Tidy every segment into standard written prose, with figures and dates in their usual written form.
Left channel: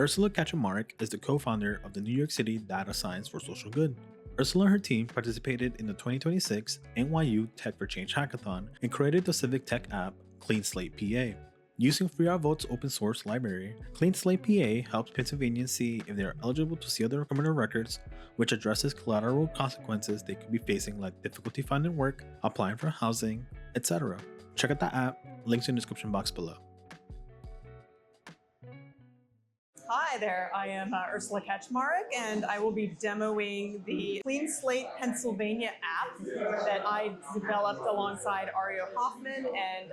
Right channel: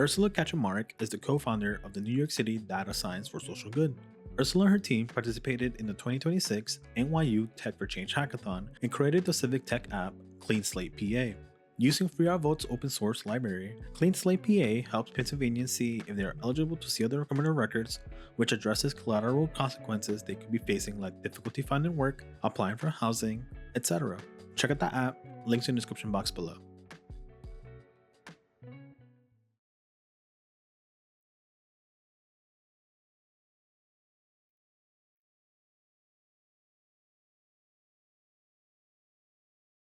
Ursula Kaczmarek is the co-founder of the New York City Data Science for Social Good. Ursula and her team participated in the 2026 NYU Tech for Change Hackathon and created the civic tech app Clean Slate PA. Using Free Our Vote's open source library, Clean Slate PA helps Pennsylvanians see if they are eligible to seal their criminal records, which addresses collateral consequences they could be facing like difficulty finding work, applying for housing, etc. Check out the app, links in the description box below. Hi there, I am Ursula Kaczmarek, and I will be demoing the Clean Slate Pennsylvania app that I developed alongside Ario Hoffman and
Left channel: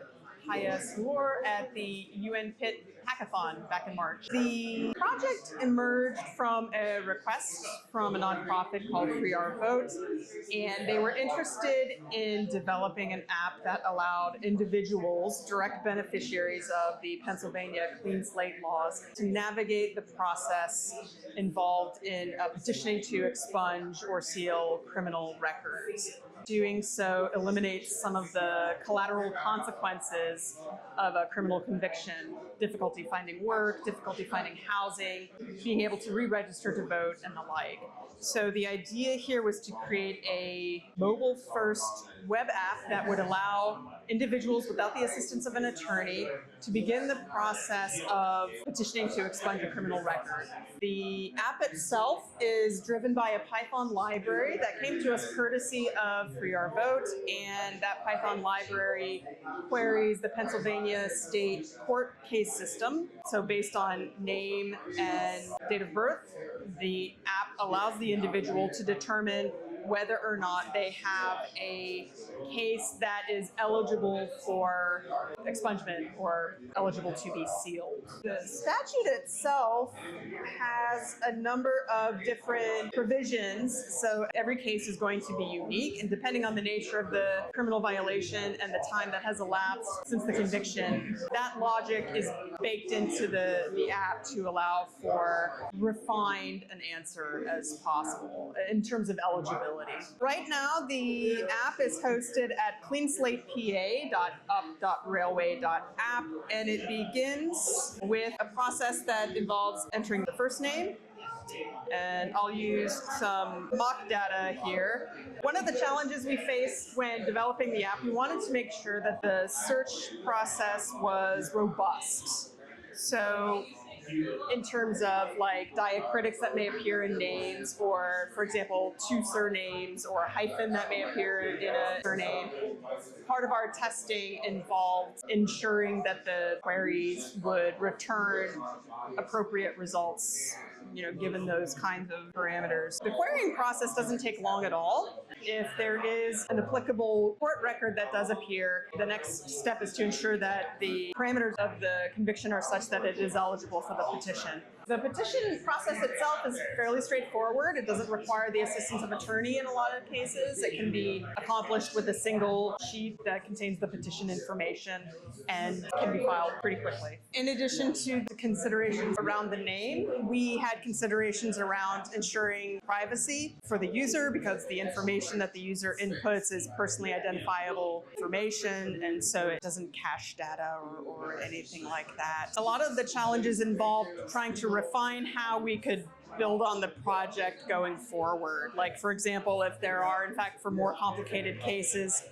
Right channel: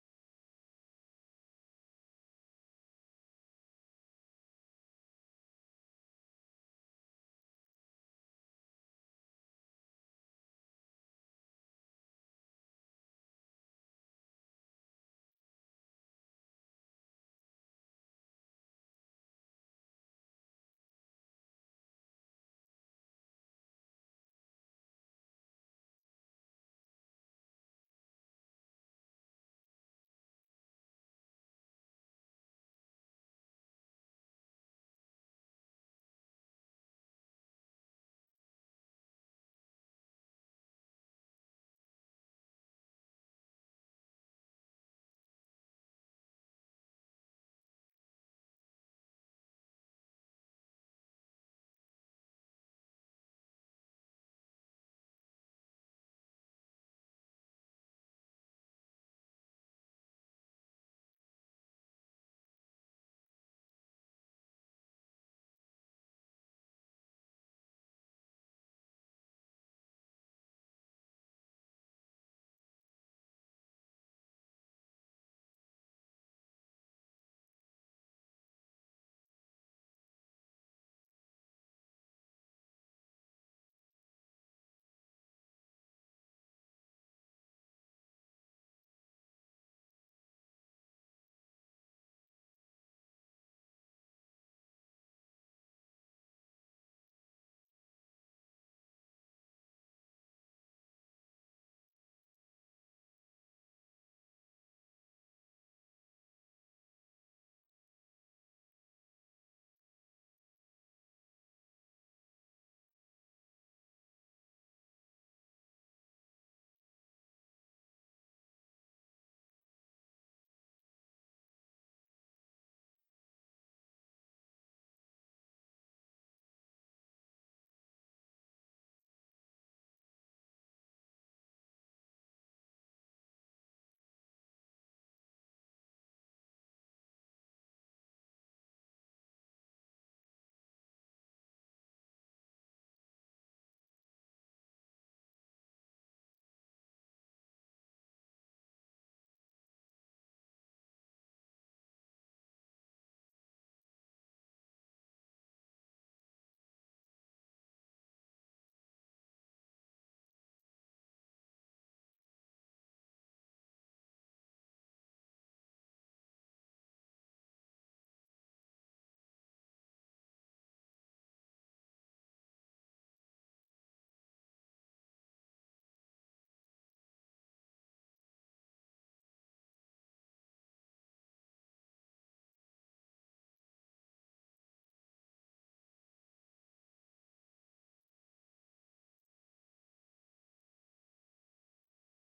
Haya Sloor at the UN P.I.T hackathon back in March. The project emerged from a request from a nonprofit called Free Our Vote, and they were interested in developing an app that allowed individuals, direct beneficiaries of the Pennsylvania Clean Slate laws, to navigate the process involved in petitioning to expunge or seal criminal records. Doing so eliminates some of the collateral consequences of a criminal conviction: difficulty finding work, difficulty finding housing, being able to re-register to vote, and the like. So the idea here was to create a mobile-first web app that would allow individuals without the assistance of an attorney to begin the process of petitioning to expunge a criminal record. The app itself is driven by a Python library that came to us courtesy of Free Our Vote, and that Python library queries the Pennsylvania state court case system. So based on name and date of birth, the app allows the individual to determine whether or not they have a case that is eligible for expungement or eligible to be sealed. The statute itself has a number of different provisions, so every case is going to be unique, and depending on the nature of the criminal violation and the time that has elapsed since the conviction, that logic is baked into the app to allow for refined an answer as possible in terms of eligibility. Right now, the app is hosted at cleanslatepA.up.railway.app, and it begins with a process that involves entering the first name, and I'll use some mock data here. One of the challenges we faced when developing the app, we wanted to make sure that the search process was robust. So in terms of like diacritics that may appear in names, or for example, two surnames, or a hyphen that may appear in a surname. Part of our testing involved ensuring that the queries would return appropriate results, given those kinds of parameters. The querying process doesn't take long at all. If there is an applicable court record that does appear, the next step is to ensure that the parameters of the conviction are such that it is eligible for the petition. The petition process itself is fairly straightforward. It doesn't require the assistance of attorney in a lot of cases. It can be accomplished with a single sheet that contains the petition information and can be filed pretty quickly. In addition to the considerations around the name, we had considerations around ensuring privacy for the user, because the information that the user inputs is personally identifiable information, and so it doesn't cache data or anything like that. A lot of the challenges involved trying to refine how we could build on the project going forward. Like, for example, if there are, in fact, for more complicated cases,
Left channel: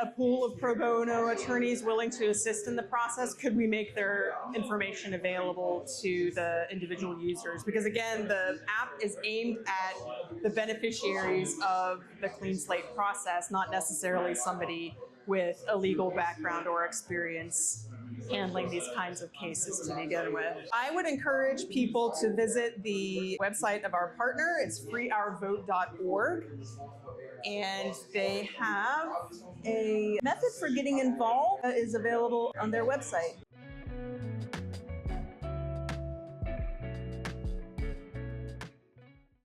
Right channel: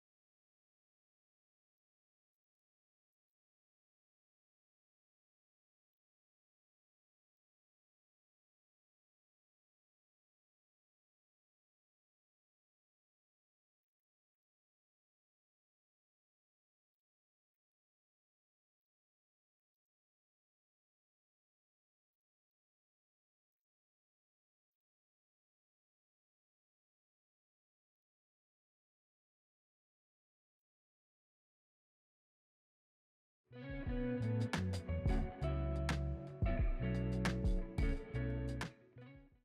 a pool of pro bono attorneys willing to assist in the process, could we make their information available to the individual users? Because again, the app is aimed at the beneficiaries of the Clean Slate process, not necessarily somebody with a legal background or experience handling these kinds of cases to begin with. I would encourage people to visit the website of our partner. It's freeourvote.org. And they have a method for getting involved that is available on their website.